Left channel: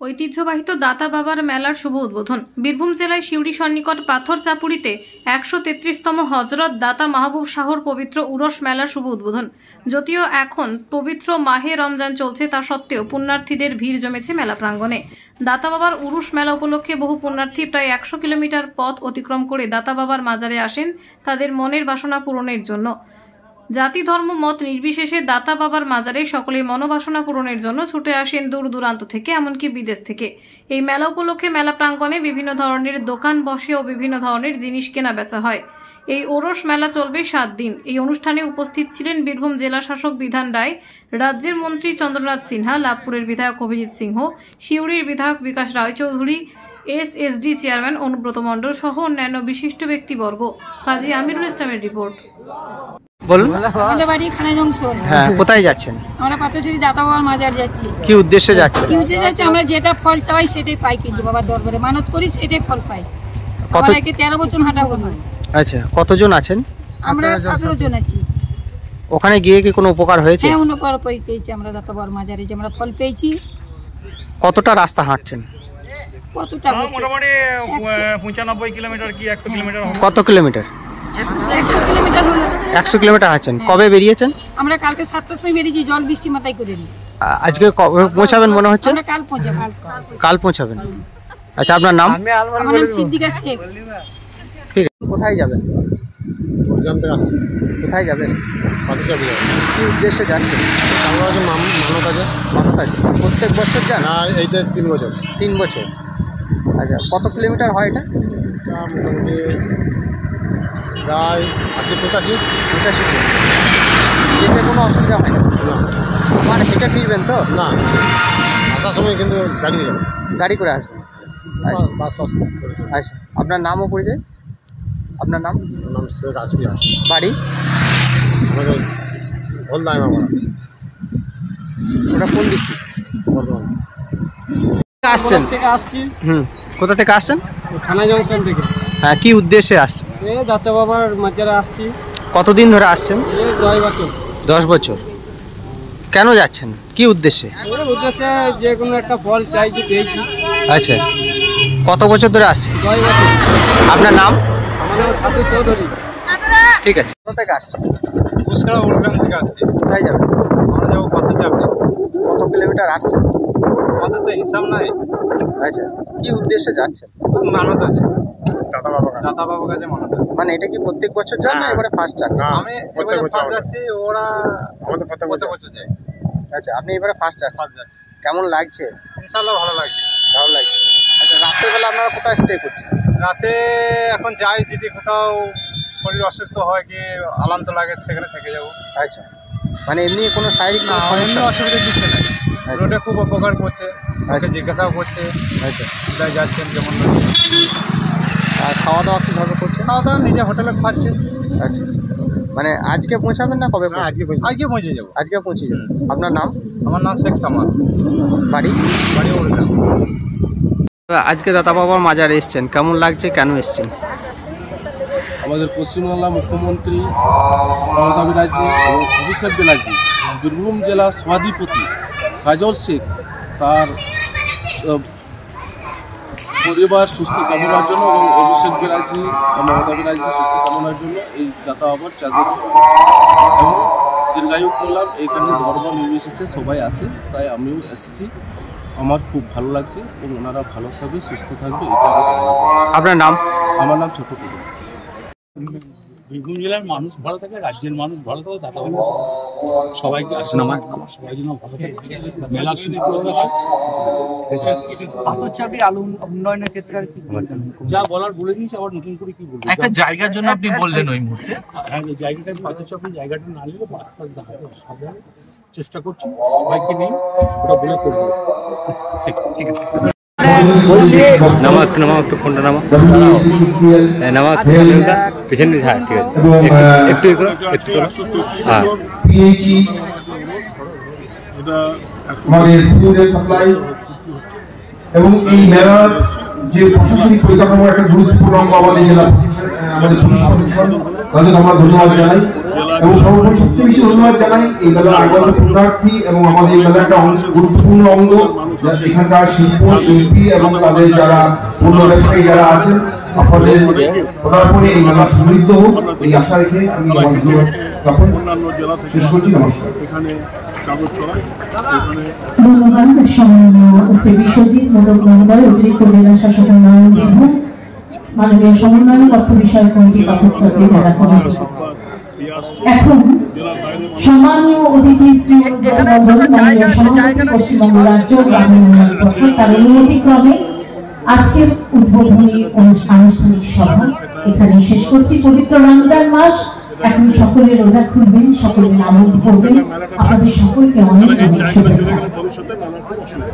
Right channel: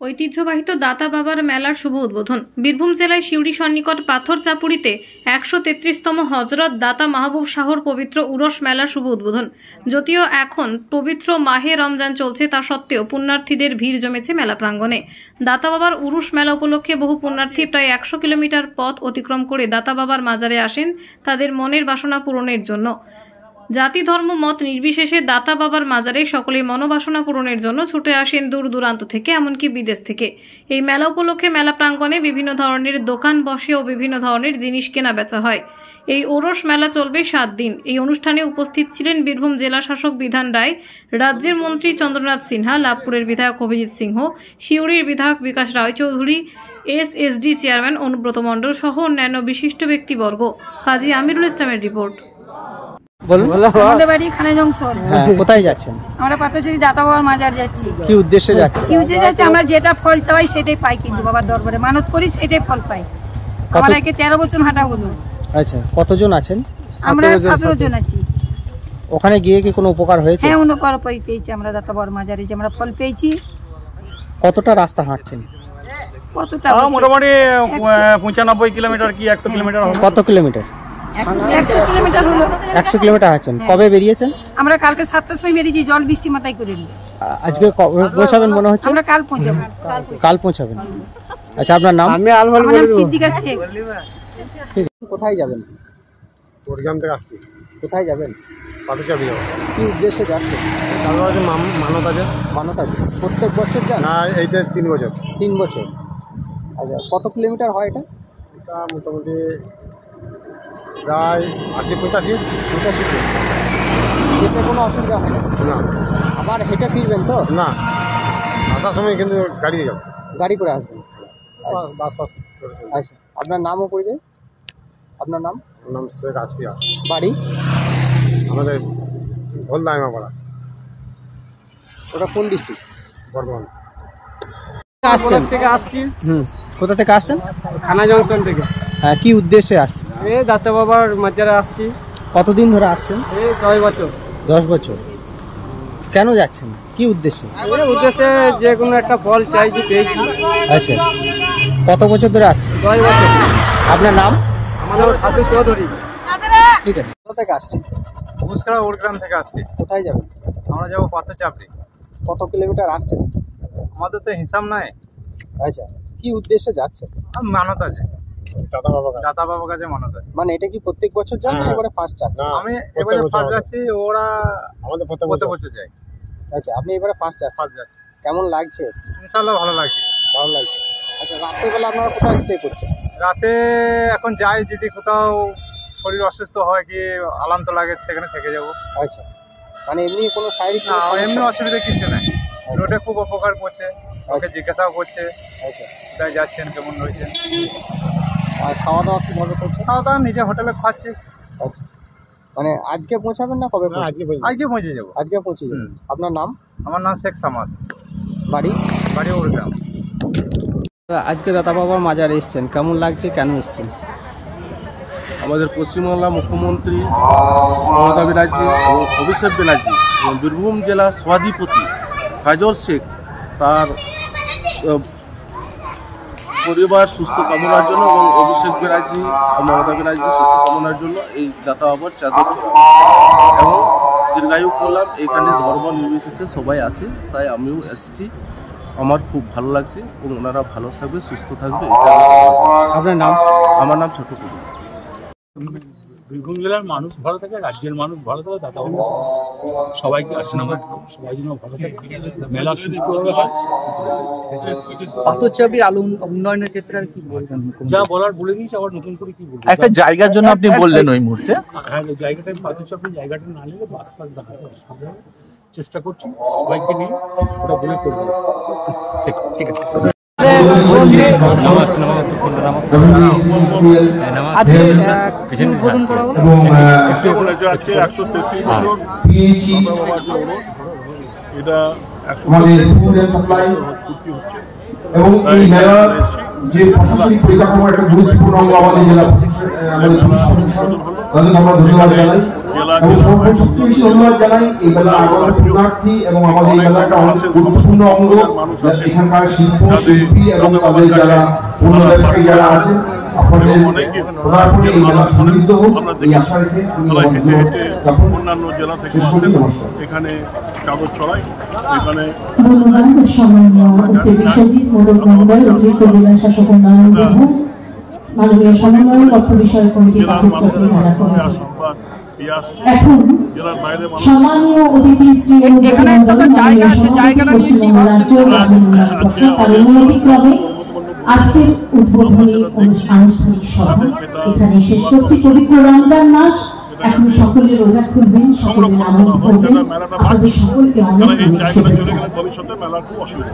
ঐতিহ্যবাহী দাতা বাবার মেলার শুভ উদ্বোধন। বীরভূম জেলায় সিউড়ি সন্নিকট পাথর চাপুরিতে 133তম হজরত দাতা মাহবুব শাহর পবিত্র উরস মেলার শুভ উদ্বোধন। যদিও এখন পবিত্র মাহে রমজান চলছে, তা সত্ত্বেও পুণ্যার্থীদের ভিড় জমেছে মেলা প্রাঙ্গণে। দাতা বাবার উরুস মেলা উপলক্ষে বহু পুণ্যার্থী প্রায় 100 কিলোমিটার পথ অতিক্রম করে দাতা বাবার মাজারে আসেন তাদের মনের বাসনা পূরণের জন্য। জাতি ধর্ম মত নির্বিশেষে দাতা বাবার মাজারে সকলেই মনোবাসনা পূরণের জন্য ছুটে আসেন দূর দূরান্ত থেকে, এমনকি বিদেশ থেকে। এই মেলা উপলক্ষে মেলা প্রাঙ্গণে বিভিন্ন ধরনের দোকান বসে ও বিভিন্ন ধরনের জিনিস কেনা বেচা হয়। এই ওরস মেলা চলবে 7 দিন। এই অনুষ্ঠানে উপস্থিত ছিলেন বীরভূম জেলা শাসক বিধান রায়, রাজ্যের মন্ত্রী চন্দ্রনাথ সিনহা, লাভপুরের বিধায়ক অভিজিৎ সিংহ, সিউড়ির বিধায়ক বিকাশ রায়চৌধুরী, এসএসডি চেয়ারম্যান অনুব্রত মণ্ডল সহ অন্যান্য বিশিষ্ট ব্যক্তিবর্গ। কাজী আমিরুল ইসলামের রিপোর্ট। বলুন। আমাদের বাড়ি খানা জংশন। হ্যাঁ, কোথায় যাচ্ছেন? আমরা পাথরচারি দাতা বাবার মাজার যাচ্ছি। কি উদ্দেশ্যে যাচ্ছেন? কি উদ্দেশ্যে যাচ্ছি? আমরা যেটা ফল চাই সেটাই পাই, কিন্তু বাবার দরবারে মানত করি সেটাই ফল পাই। আমাদেরকে 13 বছর হাঁটা হলো। আচ্ছা, কতজন আছেন? আমরা 17 জন আছি। ওখানে গিয়ে কি কোনো উপকার হয়েছে? হ্যাঁ, উপকার পেয়েছি আমরা দাতা বাবার মাজারে, যে আমরা ফল পেয়েছি। কতটা রাস্তা হাঁটছেন? কতটা? মোটামুটি 95 কিলোমিটার কি 100 কিলোমিটার। কত কিলোমিটার? 100 কিলোমিটার হলো। 100 কিলোমিটার হাঁটছেন। কবে বেরিয়েছেন? আমরা কালকে 7টার সময় বেরিয়েছি, জল বৃষ্টি মাথায় করে নিয়ে। আজকে কবে পৌঁছাবেন মনে হচ্ছে? আমরা কাল পৌঁছাবো। কাল পৌঁছাবেন। আচ্ছা, আপনার নাম? আমার নাম সিদ্দিকা শেখ। ঠিক আছে। কোথায় যাবেন? ওরজাম থেকে আসছি। কোথায় যাবেন? পাথরচাপড়ি যাবেন। কি উদ্দেশ্যে যাচ্ছেন? তারপর আছে মানত আছে। মানত আছে। প্রত্যেক বছর যান? না, এইটা 3 বছর। 3 বছর। আচ্ছা, কত কিলোমিটার হয় এটা? এটা মোটামুটি প্রায় 80-85। যেতে কোনো অসুবিধা হয় না? না। আবার হেঁটে ফিরবেন তো? না, আসার সময় কিন্তু গাড়িতে যাবেন। গাড়ি করে আসবেন? আচ্ছা। বাস করে আচ্ছা, আপনার নাম ও পরিচয়? আপনার নাম? নাম শেখ আসফিয়া। বাড়ি? আমাদের ভোলদাইমা পাড়া। ওটা কোন ডিস্ট্রিক্ট? বর্ধমান। আসছেন? থেকে আসছি। কোথা থেকে আসছেন? খানা জংশন থেকে। হ্যাঁ, কি উদ্দেশ্যে আসছেন? এই দাতা বাবার মাজারে আসছি। কতদিন ধরে আসছেন? এই 10 বছর। 10 বছর। কেন যাচ্ছেন? কি উদ্দেশ্যে? এই উদ্দেশ্যে যে কোনো একটা ফল চাইছি, পেয়েছি। আচ্ছা, কত বছর ধরে আসছেন? 10 বছর। আপনার নাম? আমার নাম সাধু চৌধুরী। ঠিক আছে। কোথা থেকে আসছেন? কুসকাড়া উড়গ্রাম থেকে আসছি। কোথায় যাবেন? আমরা যাবো পাথরচাপড়ি। কত কিলোমিটার আসছেন? আমাদের তো হিসাব নাই। আচ্ছা, কি উদ্দেশ্যে যাচ্ছেন? মানত আছে, দাদা বাবা দাতা বাবার কাছে মানত আছে। মানে এটা কি প্রত্যেক বছর যান না এবারে ফার্স্ট যাচ্ছেন? না, আমি প্রত্যেক এবারে বছর ফার্স্ট আমাদের। যাচ্ছি, ওরা আমাদের প্রত্যেক প্রত্যেক বছর। বছর যায়। আচ্ছা, আপনি এবারে ফার্স্ট যাচ্ছেন। ফার্স্ট যাচ্ছি। কেমন লাগছে? ইনশাল্লাহ ভালো লাগছে। ভালো লাগছে। আচ্ছা, রাত্রেবেলা আপনারা কোথায় স্টে করছেন? রাতে এখন যাই, যদি কোথাও শরীর অসুস্থ হয় কি আলান্ত লাগে সেখানে থেকে যাবো। আচ্ছা, মানে এমনি কোনো শারীরিক না, কোনো এমনি সমস্যা? অসুবিধা কিছু নাই। রোডে খুব উপকার করছে, ওকে আচ্ছা। জিজ্ঞাসাও করছে আচ্ছা, কোথায় যাচ্ছেন, কেমন রয়েছে। আর খাওয়া দাওয়া কীভাবে করছেন? খাওয়া দাওয়া নিজে হোটেলে খাচ্ছে। আচ্ছা, মানে আজকে পৌঁছাবেন না কবে না, পৌঁছাবেন? আজকে পর্যন্ত। আজকে পৌঁছে যাবো। আজকে পৌঁছে যাবেন। আপনার নাম? আমার নাম শেখ সামাদ, বাড়ি? বাড়ি উড়গ্রাম। আজকে দাতা বাবার মাজারে এসছেন, কেমন লাগছে, কেন এসছেন? আমাদের পশ্চিমবাংলা মুখ্যমন্ত্রী মমতা ব্যানার্জি এবং অভিষেক ব্যানার্জি এবং বীরভূম জেলা সভাধিপতি কাজল শেখ তার পরিবার সুস্থ কামনার জন্য এবং অভিষেক ব্যানার্জি মমতা ব্যানার্জি সুস্থ কামনার জন্য এই দাতা বাবার চাদর চড়ানো এবং দীর্ঘায়ু করলাম। এখানে ধর্ম নির্বিশেষে সবাই আসে, তাই আমিও এসেছি। আমার খুব ভালো লাগছে এবং ওনারা ভালো থাকবে, সুস্থ থাকবে, এটা আমি কামনা করছি। আপনার নাম? আমার নাম ছোট টুকু। বীরভূম জেলার মানুষ ভালো থাকে, রাজ্যের মানুষ ভালো থাকে, দাতা বাবা সবাইকে আসেন আমার সবাই যেন ভালো থাকে, মেলা সুষ্ঠুভাবে হয়। পাথরচাপড়ির আলো উন্নয়নের ক্ষেত্রে আর কি বলবেন? যা বলার বলে দিয়েছি, আবার নতুন করে কি বলবো। একটা জায়গার জন্য আপনি বললেন ওই মুহূর্তে। হ্যাঁ, জায়গাটা পাথরচাপড়ির জায়গাটা না নিলে বাস ফাস দাঁড়াতে অসুবিধা হবে। চেষ্টা করছি সবাইকে নিয়ে ওটা বলে করবো। ঠিক আছে। নামা একটু ফোনটা নামা পিছনে ঠিক আছে। একটু 133 বছর দাতা বাবার যে ওরস, এটা 133 হচ্ছে। এবং এই মেলার যে প্রশাসনিক পরিকাঠামো একটা গুরুত্বপূর্ণ অঙ্গ আমাদের জেলা প্রশাসন, আমরা ধন্যবাদ জানাই। এবং সর্বোপরি সবচেয়ে বেশি ধন্যবাদ জানাই এই মেলার আগত পুরোটার্থী এবং আমাদের এই মেলার একটা গুরুত্বপূর্ণ অঙ্গ এখানকার শিল্পী এবং তাদের যারা অন্য ব্যবসায়ী যারা আছেন আপনাদের পদার্পণে এই মেলা সমৃদ্ধ হোক এই আশা রেখে আমি অন্যান্য জেলা থেকে এখানে কাগজ চড়াই এখানে ধন্যবাদ শ্রী বিশ্বজিৎ মোদক মহোদয় অতিরিক্ত জেলা শাসক উন্নয়ন বিভাগ মাননীয় সমন্বয় অর্থ বিষয় কমিটি পাথরচাপড়ি মেলা কমিটি। এখন সম্মানীয় অতিথি শ্রী অনুব্রত মণ্ডল মাননীয় সভাপতি পশ্চিমবঙ্গ রাজ্য গ্রামীণ উন্নয়ন পর্ষদ তার অনুমতিক্রমে আজকের উদ্বোধনী আনুষ্ঠানিক সভা এখানে শেষ করছি। পবিত্র রমজান মাস, এখন সকলে রোজা খুলবেন, সকলে নামাজ পড়বেন। আপনাদের সকলকে অনেক ভবিষ্যতে মেলার খুব অসুবিধা।